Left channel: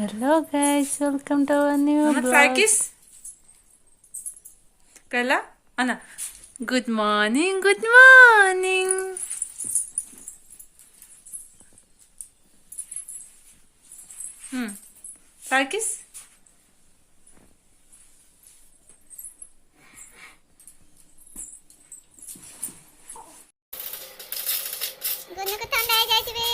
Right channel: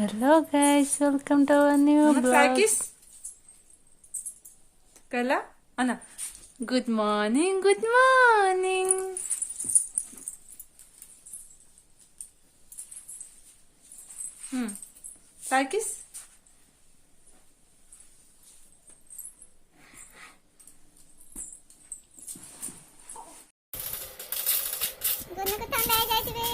Hello guys, welcome to our new Mama try vlog. kiss. Kayla? Anna. Good morning, good morning. Try kiss. ଗୁନୁକୁ ଥଣ୍ଡା ହେଇଯାଇଛି ବେ।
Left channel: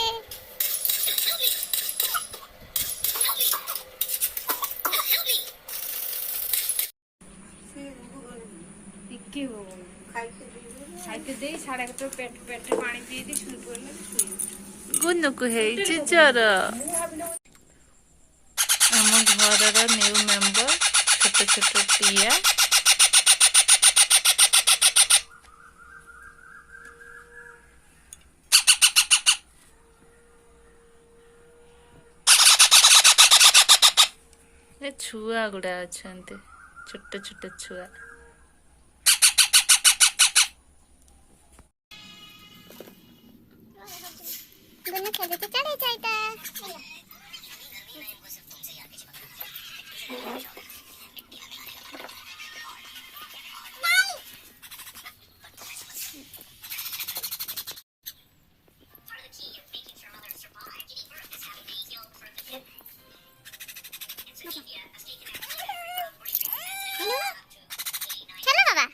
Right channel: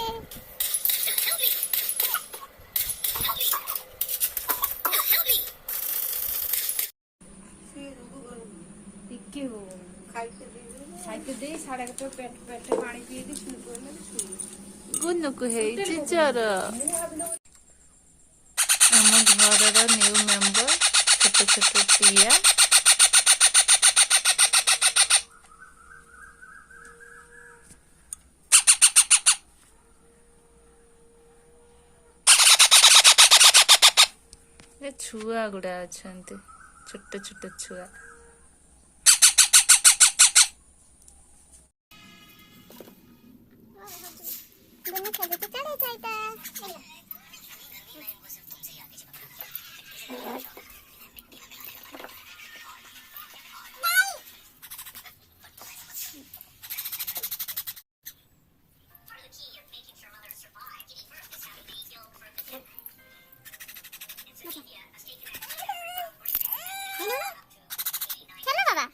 ଗୁନୁକୁ ହେଇଛି ଜର। ଆମ ଘରର ନ୍ୟୁ ମେମ୍ବର ଛୋଟ ଛୋଟ ଟିଆ। ଏ ଛୁଆ ଗୁଡା ଅଛନ୍ତି, ଛୋଟ ଛୋଟ ଛୁଆ। ଗୁନୁ ଖେଳୁଛି ଚଢେଇ ସହିତ। चलो बाबा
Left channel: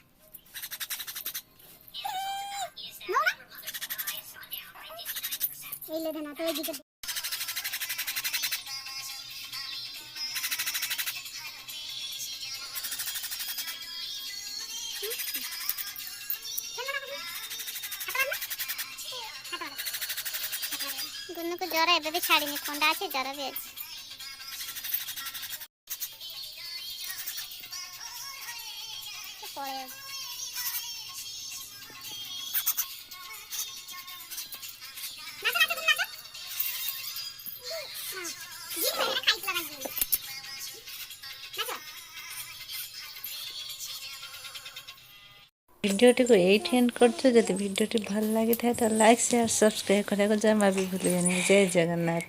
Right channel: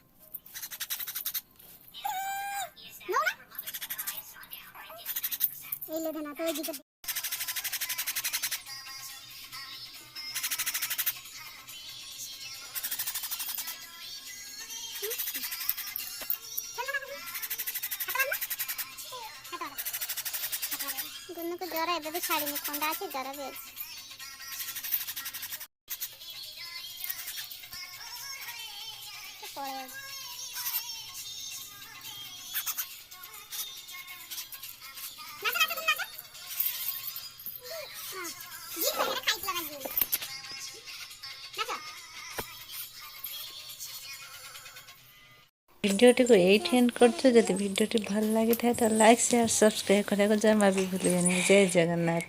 ये ले देना तो ये गुन्नू को ज्वर एबे भी छाड़ी थंडा अच्छे ज्वर भी अच्छे पड़े भिडियोटी को एठी एंड करछो। जदि भिडियोटी भल लागि थाए तो लाइक शेयर सब्सक्राइब करने को जमा भी भूलिए नहीं। जय जगन्नाथ।